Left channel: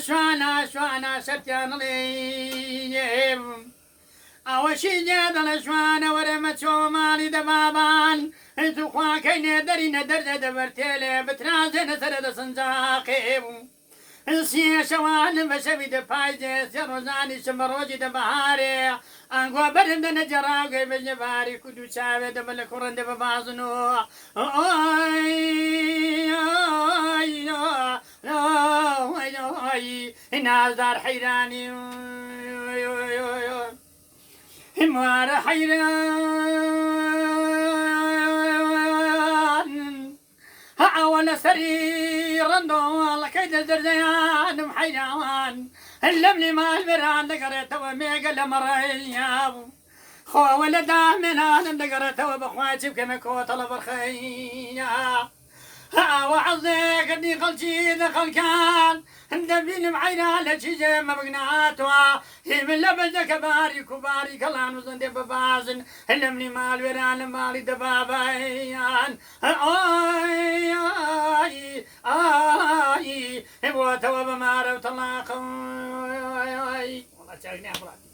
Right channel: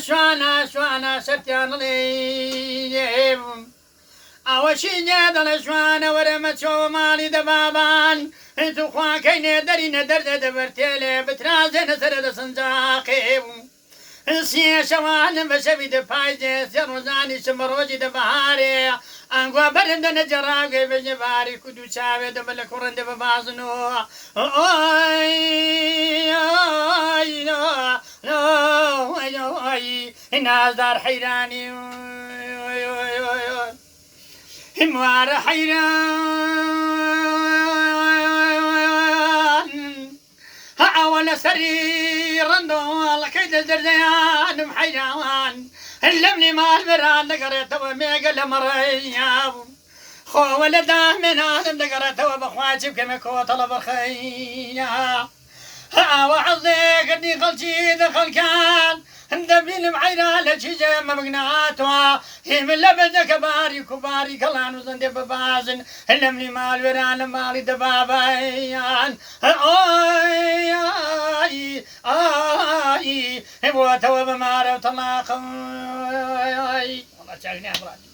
شوانا سرتيان لي ئەوەشی نێدەڵە شوانە وەرەمە چۆ ماڵی دەبابان هەتو خواکەینێ دەرینە دەردە دەبەرتێلێ بترازێنە سەرە دەسنجاقێ بوو سێشەوانم بە شەوی دەپایدێ سێ ڕۆژانی شمە ڕۆژی دەبەهارێ ئەنگوا بەرندە نەجەڕاگەی بەژێ باری کود و چاوێ دەبە لە کوڕندە بەبازنەوە نازدار حەیرانی هموار حيران أول سري رندو كيد الدرديان حيران اللمني مال بران دقريت وميقل مرياب خو ولده من آدم دقريت وبخواتي كما كو طلب الخيا وعظيك اني قلتي دخل كان دبين معينا لشجة مبقناتوا هي من لبدك باري كباري كلان وزندي ببازن اللمني مال وران مالي دبابيان آي آي آي بواتوا بمارو طلاقا والله شاقني أمراني